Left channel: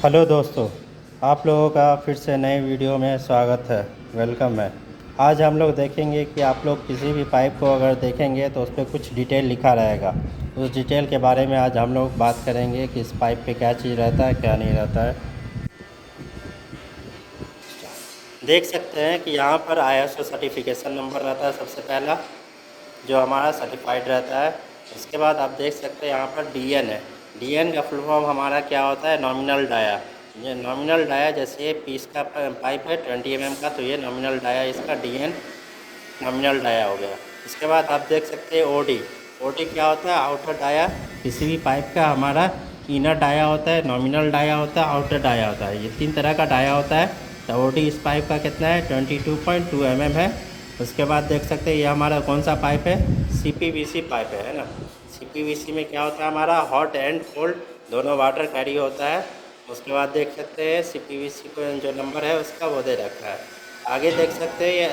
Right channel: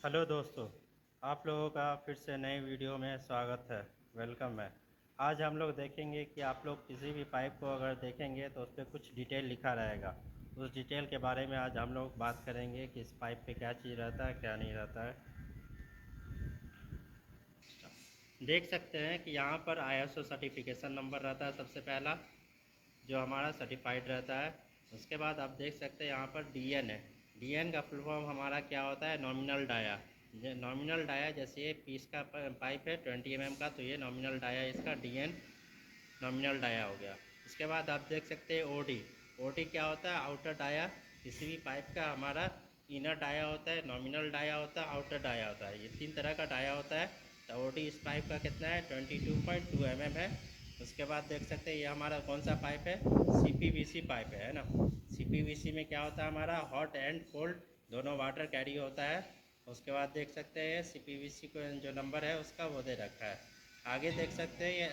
Hello दोस्तों, आप लोगों का फिर से नए वीडियो में स्वागत है। वेलकम है। आज हम लोग देखेंगे कि आप लोग किसी भी पाइप को अगर देखेंगे तो उस पर कुछ डिटेल लिखा रहेगा। उस डिटेल के बारे में आज हम लोग बात करेंगे कि इस पाइप पे क्या चीज़ रहता है, क्या नहीं रहता है। देख सकते हैं कि यहाँ पर ISO सर्टिफिकेशन नंबर रहता है सबसे पहला, जो हमारा सर्टिफाइड रहता है। उसके बाद आप देख सकते हैं यहाँ पर DN है। DN का फुल फॉर्म हमारा क्या होता है? Nominal dia. ये नॉमिनल डाया, जैसे ये पीस का पाइप है 20 mm का, तो ये नॉमिनल डाया इसका DN नॉमिनल डाया हो गया। इसके बाद आप देख सकते हैं OD क्या होता है? Outer dia. किसी भी पाइप का हमारा इनर डाया होता है, नॉमिनल डाया होता है, आउटर डाया होता है। ये 3 तरह का डाया होता है। तो OD इस पाइप का कितना है? 22.2 mm है। उसके बाद देख सकते हैं ये हमारा कौन सा पाइप है? CPVC पाइप है ना। CPVC में क्या होता है? हमारा हॉट एंड कोल्ड दोनों वाटर कैरी होता है। उसके बाद देख सकते हैं CPVC को जो नंबर है उसका वो दे रखा है। आगे देख सकते हैं ये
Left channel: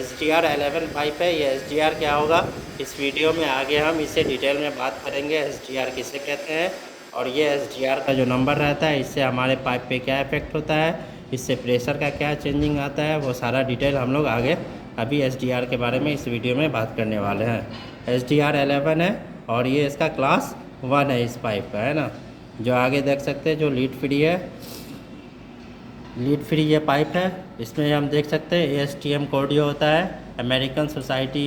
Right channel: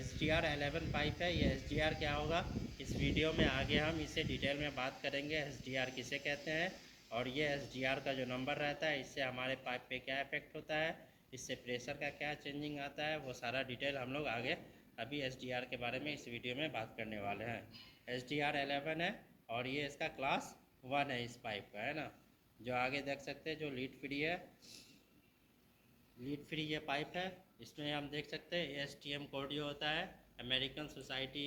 SDR 11 पाइप है। ये SDR क्या होगा, इस वीडियो में आगे हम इसे डिटेल में बात करेंगे। SDR किसे कहते हैं और ये SDR का जो नंबर रहता है इससे हमारे पाइप पे क्या इफेक्ट होता है, इससे प्रेशर का क्या चेंजिंग आता है, वो सारा डिटेल हम लोग आगे अभी SDR के बारे में इस वीडियो में बात करने वाले हैं। SDR 11 है और ये इसका क्लास 1 है इस पाइप का, है ना। जो आगे देख सकते हैं जो लीड फ्री है, लीड फ्री ये पाइप है। इसमें हम देख सकते हैं ASTM कोड जो होता है, अमेरिकन सोसाइटी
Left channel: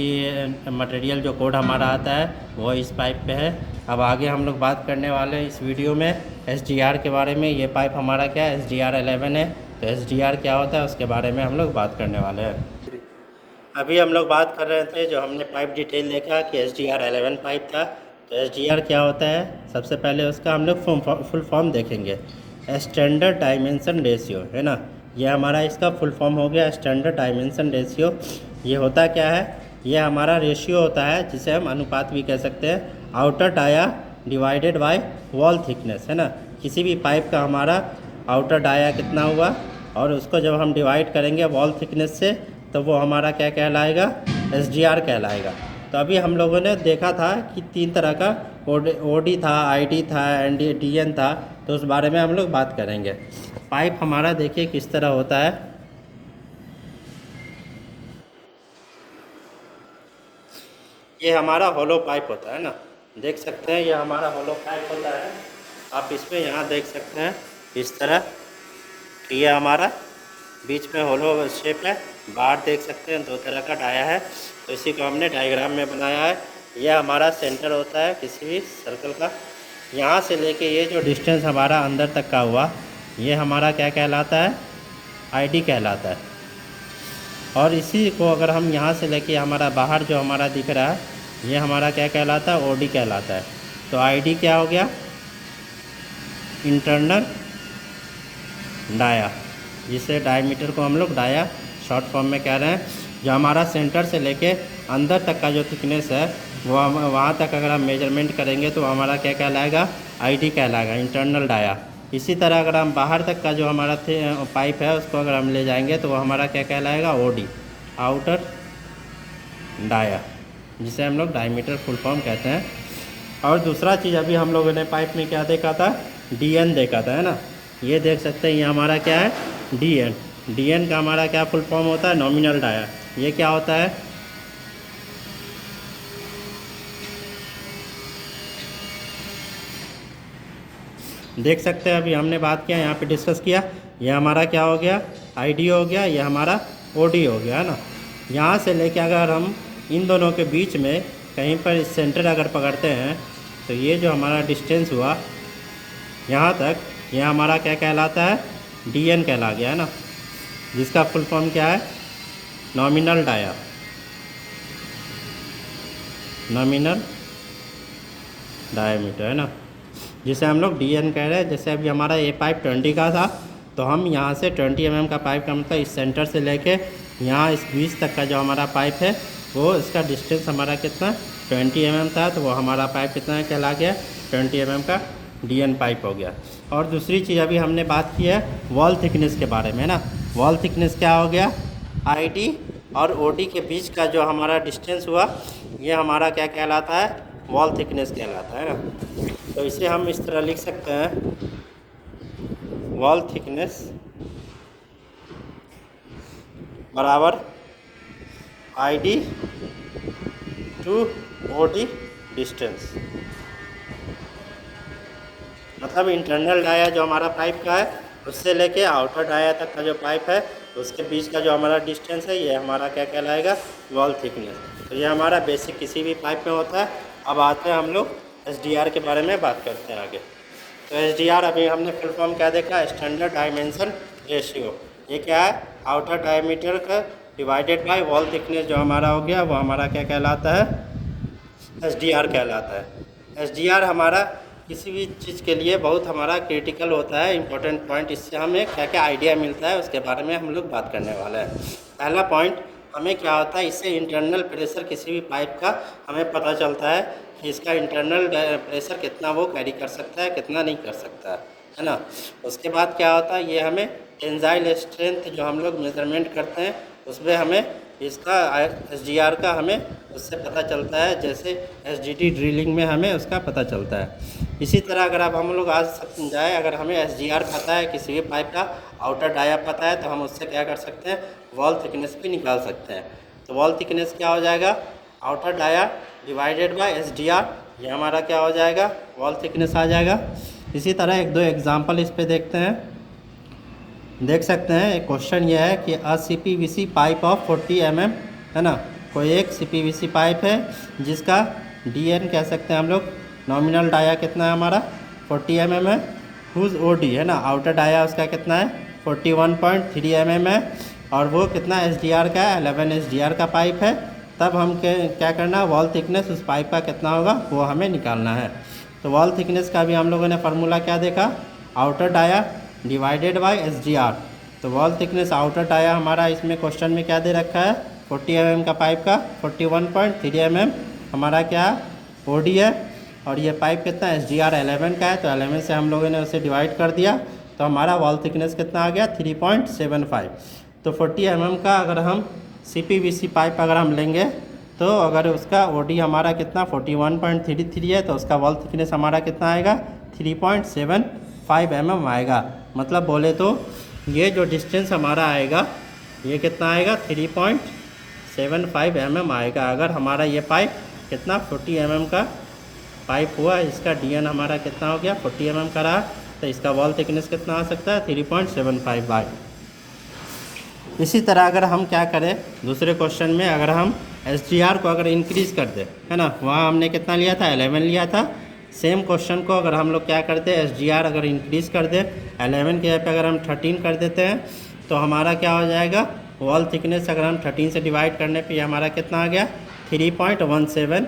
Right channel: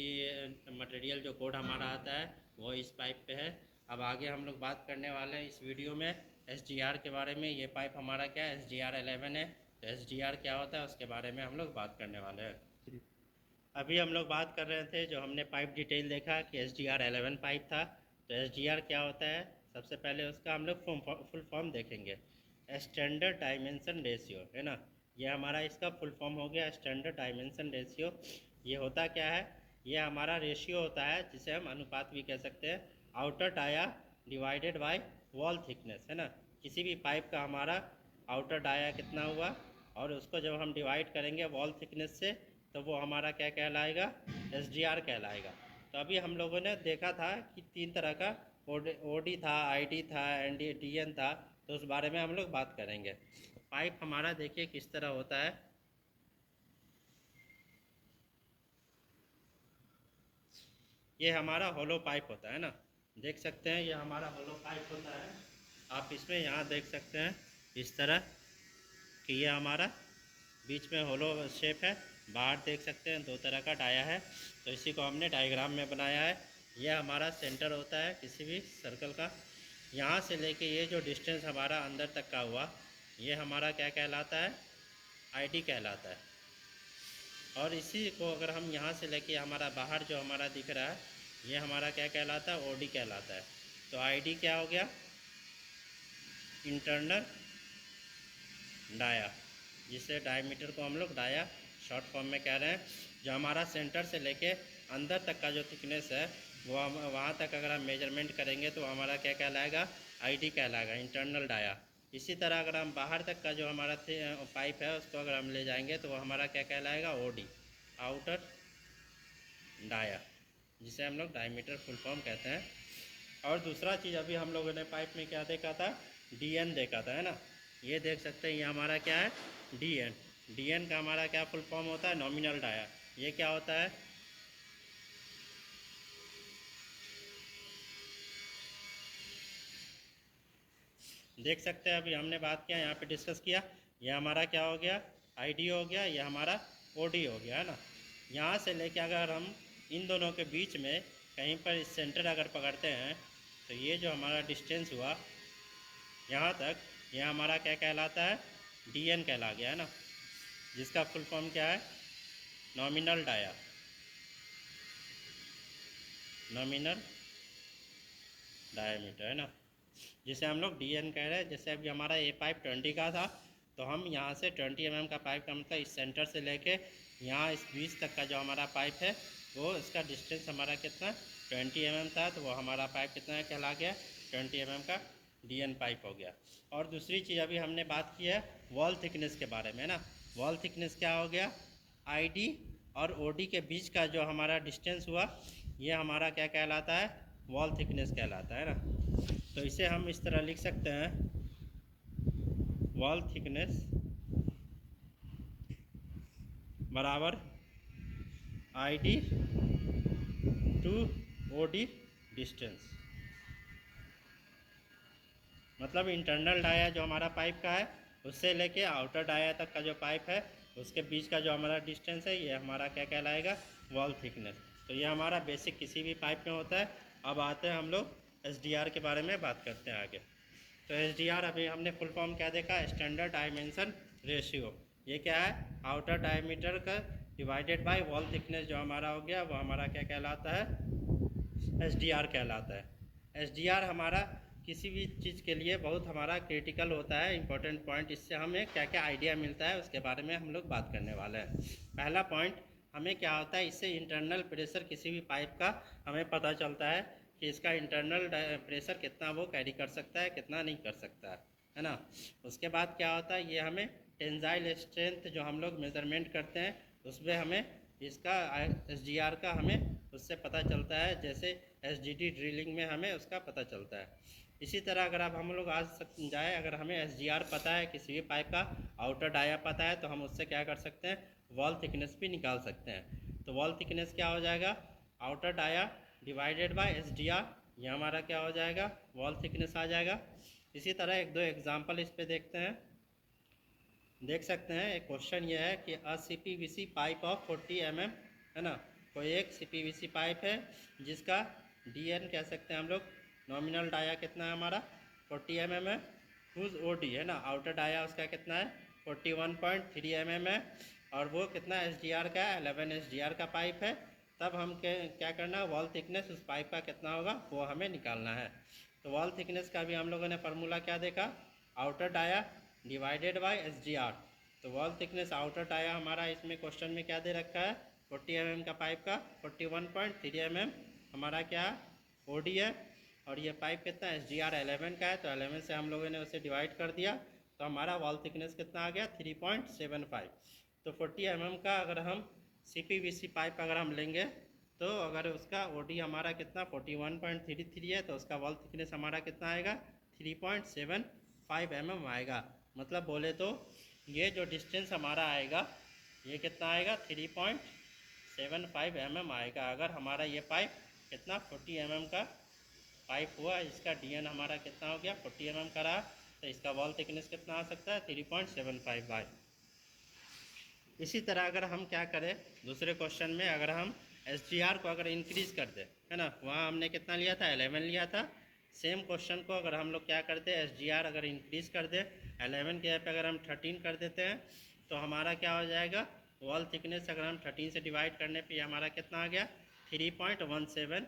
मटेरियल जो कोड हमारा आता है वो इस पाइप पे है। अब आगे हम लोग बात करने वाले हैं इस वीडियो में SDR के बारे में। ये पाइप हमारा क्या है? SDR 11 है। तो SDR क्या होता है उसके बारे में हम लोग बात करने वाले हैं। अभी हम लोग बात कर रहे थे, जो हमने पाइप डिटेल देखा कि SDR 11 पाइप था। तो SDR क्या होता है? सबसे पहले उसका हम लोग फुल फॉर्म देखेंगे। स्टैंडर्ड डायमेंशन रेशियो, है ना। ये हमारा इसका फुल फॉर्म हो गया स्टैंडर्ड डायमेंशन रेशियो। ये होता क्या है? ये हमारा रेशियो होता है जिसे हम अनुपात भी कह सकते हैं। Outer dia divided by wall thickness, है ना। किसी भी पाइप का हमारा आउटर डाया कितना हुआ और उसको जब हम डिवाइड करेंगे वॉल थिकनेस से, तो वो हमारा क्या कहलाएगा? SDR कहलाएगा। तो अभी हम लोगों ने देखा था कि 3 तरह का OD था, ID था, DN था। तो उस बारे में हम लोग बात करेंगे। पाइप हमारा देखिए किस तरह होता है। ये हमारा होलो पाइप होता है ना। देख सकते हैं ये हमारा होलो पाइप होता है। आप इसमें यहाँ देख सकते हैं इस तरह कि ये हमारा बीच में होलो शेप है। बाहर देख सकते हैं 2 तरह का डाया है। तो इसी को हमने डायग्राम में बनाया है। यह हमारा सेंटर होता है किसी भी सर्कल का। यहाँ से लेके ये जो डिस्टेंस हमारा अंदर तक का हुआ, ये हमारा क्या कहलाता है? ID कहलाता है। और इसी को अगर हम यहाँ से लेके हमारा बाहर जो हमारा दिख रहा है, ये हमारा क्या कहलाता है? OD कहलाता है। तो ID क्या हो गया? इंटरनल डाया, जिसे डायमीटर को हम लोग डाया शॉर्ट फॉर्म में कह रहे हैं। जो हमारा सेंटर से लेके अंदर तक का जो थिकनेस है वो हम वहाँ तक अगर हम मेजरमेंट करेंगे तो हमारा क्या कहलाएगा? ID कहलाएगा, इंटरनल डाया। इसी तरह अगर हम बाहर तक का जो हमारा पाइप है उसको अगर हम ले जाएंगे तो वो हमारा क्या कहलाएगा? OD, आउटर डाया, जिसे हम लोग डायमीटर फुल फॉर्म कहते हैं। और दूसरा चीज़ अभी हम लोगों ने पाइप में क्या देखा था? DN देखा था, है ना। ये देख सकते हैं ये हमारा क्या है? DN का हमारा क्या फुल फॉर्म होता है? Nominal dia. ये क्या होता है? देख सकते हैं अभी हमने बात किया, यहाँ पे डिस्कस किया। ये हमारा क्या हो गया? ID हो गया, ये हमारा OD हो गया, है ना। यहाँ से लेके अगर हम इन दोनों के बीच में कहीं पर सेंटर अगर पकड़ते हैं तो ये जो हमारा डिस्टेंस हुआ यहाँ तक, ये हमारा क्या कहलाता है? DN कहला गया, है ना। जिसका फुल फॉर्म क्या है? नॉमिनल डाया, नॉमिनल डायमीटर, है ना, जिसे हम लोग DN कह रहे हैं। जैसे अभी हमारा ये पाइप 20 का था, तो हम यहाँ से 20 mm का पाइप का मतलब इस सेंटर से लेके यहाँ इस बीच तक का जो हमारा पाइप है वो इसका डिस्टेंस हमारा कितना 20 mm था। तो वो हमारा पाइप कितना कहला गया? 20 mm का DN पाइप हो गया। और दूसरी चीज़ अभी हमने बात की है वॉल थिकनेस के बारे में ना। वॉल थिकनेस क्या हो गया? ID और OD के बीच का जो हमारा डिस्टेंस हुआ, ये हमारा क्या कहलाता है? वॉल थिकनेस कहलाता है ना। तो इसे हम इस तरह लिख सकते हैं वॉल थिकनेस बराबर ID टू OD डिस्टेंस। मतलब इंटरनल डाया जो हमारा पाइप का है उससे लेके आउटर डाया तक का जो पाइप है उसके बीच का जो हमारा डिस्टेंस है ये हमारा क्या कहलाएगा, वॉल थिकनेस। तो ये हमारा बेसिक किसी भी पाइप में होता है। अब आते हैं हम लोग SDR के बारे में बात करते हैं आगे। तो SDR अभी हमने फुल फॉर्म क्या देखा, स्टैंडर्ड डायमेंशन रेशियो। ये क्या है, आउटर डायमीटर का डिवाइडेड बाय वॉल थिकनेस जो हमारा हो गया वो हमारा क्या कहलाता है, SDR कहलाता है। SDR हमारा किसी भी चीज़ के लिए बहुत हमारा क्रिटिकल होता है, इंपॉर्टेंट पॉइंट। इससे हमें क्या क्या आइडिया मिलता है उसके बारे में हम लोग बात करने वाले हैं। पहला पॉइंट हमें क्या होता है, इससे इंटरनल प्रेशर किसी भी पाइप का हमें पता चलता है कि इसका इंटरनल प्रेशर कितना वो कैरी कर सकता है, कितना नहीं कर सकता है ना। उसके बाद क्या होता है, ये हमें टेंसाइल स्ट्रेंथ जो हम लोग मेजरमेंट करते हैं उसमें हमें इसका SDR का हमें उससे पता चलता है, जैसे SDT ड्रिलिंग में हमें उसका पता चलता है। इसी तरह अगर अब हम लोग आज समझाएं, अगर हमें SDR पता है किसी भी पाइप का, आउटर डाया पता है, तो हम उससे क्या कर सकते हैं, वॉल थिकनेस भी निकाल सकते हैं। तो वॉल थिकनेस क्या हो जाएगा, outer dia divided by SDR, ये हमारा क्या हो जाएगा, वॉल थिकनेस आ जाएगा। इसी तरह एक दो एग्जाम्पल इस पर देखते हैं। देख सकते हैं एक क्वेश्चन ये है कि CPVC पाइप ऑफ 40 mm है ना, कोई एक CPVC पाइप है जिसका DN कह सकते हैं हम लोग, नॉमिनल डाया कितना है हमारा 40 mm है, हुज OD है ना, आउटर डाया उसका कितना है 41.3 mm है, और वो कितना SDR का है, 11 SDR का पाइप है। तब हम क्या करना है, वॉल थिकनेस उस पाइप का कितना होगा वो हमें निकालना है। तो वॉल थिकनेस का भी हम लोगों ने फार्मूला क्या देखा, outer dia divided by SDR। तो वॉल थिकनेस आउटर डाया हमारा इसमें क्वेश्चन में क्या दे रखा है, 40 mm का पाइप का 41.3 mm हमारा क्या OD है, और ये पाइप कितना SDR 11 का है, तो 11 से हम लोगों ने उसे डिवाइड कर दिया, तो हमारा वॉल थिकनेस कितना आ गया 3.75। तो 40 mm का अगर हम CPVC पाइप अगर हम लेंगे तो अगर उसका OD हमारा कितना 41.33 है, तो उसका वॉल थिकनेस हमारा कितना आएगा 3.75 mm आएगा। मतलब बोले तो ये जो डिस्टेंस हमारा आएगा ये कितना आएगा 3.75 mm आएगा। अगर हमारा ये पाइप कितना 40 mm का पाइप हुआ, इसका DN हमारा कितना हो गया 40 mm का रहा, तो इसका वॉल थिकनेस कितना आ सकता है 3.75 बाई। इसी तरह अगर हम क्या करें दूसरे क्वेश्चन में, अगर हम SDR को अगर इंक्रीज़ कर दे है ना, वहाँ हमने कितना लिया था 11 लिया था। सेम क्वेश्चन को अगर हम लोग क्या करते हैं, SDR अगर इंक्रीज़ कर दे 11 के पे अगर हम 13 कर देते हैं, तो हमारा क्या हो जाएगा, वॉल थिकनेस अगर हम 13 से डिवाइड करने पे हमारा कितना आ गया 3.17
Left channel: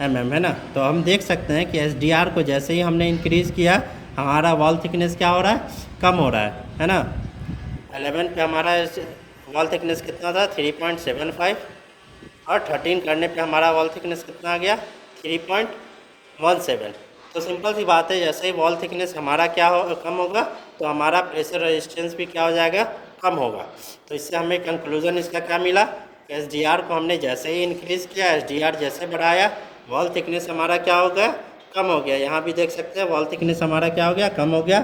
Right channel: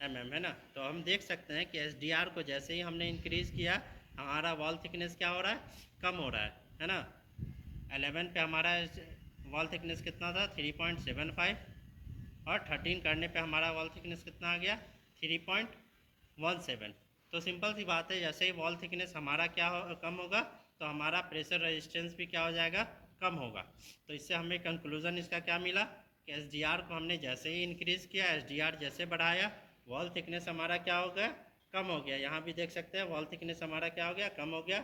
mm है ना। तो हम देख सकते हैं कि SDR को जैसे ही हमने इंक्रीज़ किया हमारा वॉल थिकनेस क्या हो रहा है, कम हो रहा है ना। 11 पे हमारा वॉल थिकनेस कितना था 3.75, और 13 करने पे हमारा वॉल थिकनेस कितना आ गया 3.17। तो सिंपल सी बात है, जैसे ही वॉल थिकनेस हमारा क्या हो कम होगा तो हमारा प्रेशर रेजिस्टेंस भी क्या हो जाएगा, कम होगा। तो इससे हमें कंक्लूजन इसका क्या मिला कि SDR को हमने जैसे ही इंक्रीज़ किया, SDR जैसे बढ़ाया, वॉल थिकनेस हमारा क्या हो गया, कम हो गया। यहाँ भी देख सकते हैं वॉल थिकनेस हमारा क्या हो गया, कम हो गया।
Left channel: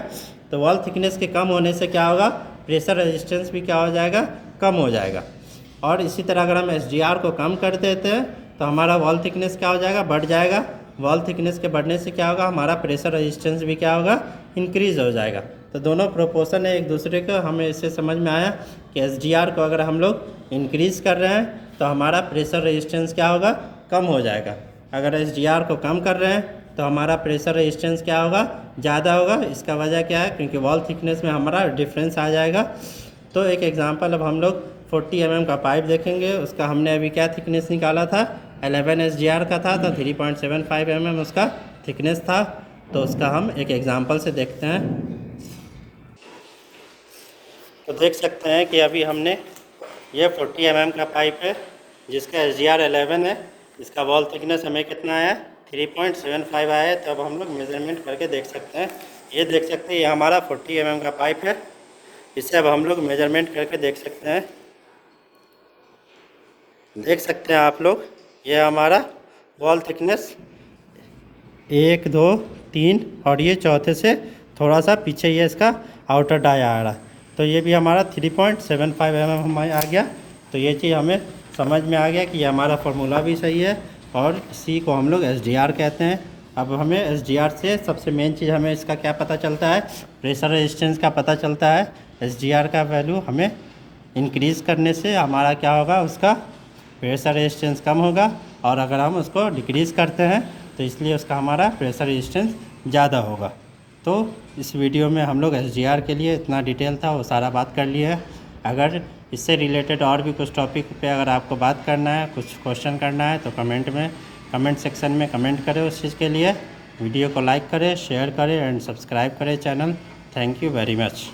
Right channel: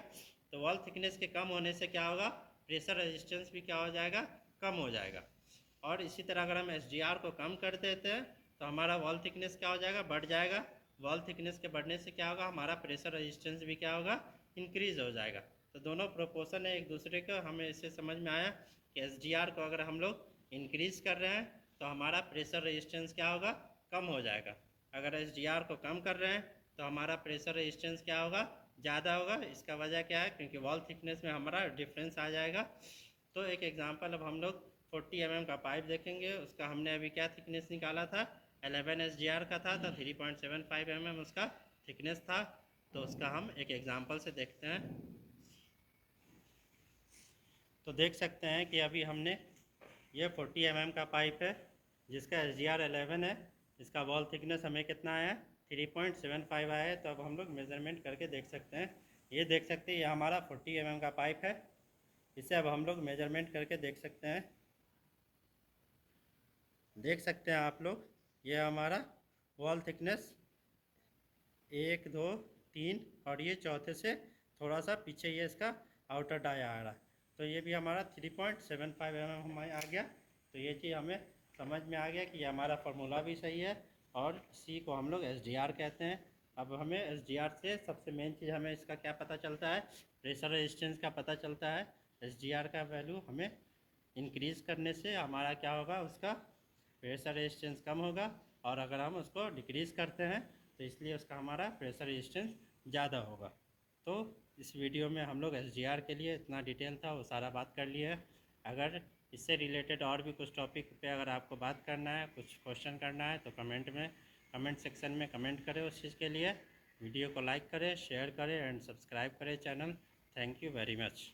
तो वॉल थिकनेस के कम होने से क्या होगा, प्रेशर रेजिस्टेंस भी क्या हो जाएगा, कम हो जाएगा। और इसी तरह अगर हम SDR को कम कर देते हैं तो हमारा वॉल थिकनेस क्या हो जाएगा, बढ़ जाएगा। वॉल थिकनेस के बढ़ने से क्या होगा, हमारा प्रेशर रेजिस्टेंस भी क्या होगा, इंक्रीज़ हो जाएगा। तो दोनों प्रोपोर्शन है एक दूसरे का। हमें इससे समझ में आया कि SDR को अगर हम लोग इंक्रीज़ कर रहे हैं तो हमारा प्रेशर रेजिस्टेंस क्या होगा, कम हो जाएगा। अगर SDR को कम कर रहे हैं तो हमारा प्रेशर रेजिस्टेंस क्या होगा, ज़्यादा होगा। इसका वजह क्या है, क्योंकि वॉल थिकनेस में हमारा डिफरेंस आ जाएगा। तो एक एग्जांपल अब हम लोग 40 mm का पाइप देखेंगे, उसका हमने अभी क्या थिकनेस निकाला था, 11 SDR का था, तो 3.75 mm उसका थिकनेस था। तो उसका हम एक एग्जांपल से देखते हैं। तो देख सकते हैं कि अभी हमने ये 40 mm का पाइप है जिसका SDR 11 है, इसका वॉल थिकनेस हमें कितना आया 3.75 आया है। तो अब हम लोग मेजरमेंट करके देख सकते हैं। ये देख सकते हैं ये हमारा 40 mm का पाइप है, इसे अब हम लोग मेजरमेंट करके देख सकते हैं। देख सकते हैं आप लोग, ये हमारा वॉल थिकनेस 1 2 3 और ये चौथे से थोड़ा सा पीछे ये इसका आउटर डाई आ रहा है। तो ये भी हमारा 3.75 mm हमारे आ गया। तो ये चीज़ हमें समझ में आ गया कि ये हमारा फार्मूला भी सही है और इसी को हम लोग SDR कहते हैं। अब हमें SDR से सबसे मेन चीज़ हमें इसका क्या पता चलता है, प्रेशर रेजिस्टेंस का पता चलता है। SDR का वैल्यू हमें इंक्रीज़ करने से हमारा क्या होगा, उसका प्रेशर रेजिस्टेंस कम होगा, और अगर हम उसको डिक्रीज़ करते हैं तो इसलिए उसका हमारा प्रेशर रेजिस्टेंस ज़्यादा होगा। तो इस वीडियो में हम लोग SDR के लिए इतना डिटेल था वो सारा बात कर लिए है। अगर इससे रिलेटेड और भी कुछ टॉपिक पे अगर आपको बात करना है, कुछ क्वेश्चन करना है, तो कमेंट सेक्शन में कमेंट करें उस चीज़ के लिए। वीडियो को लाइक करें, शेयर करें एंड सब्सक्राइब करें channel. Thank you very much.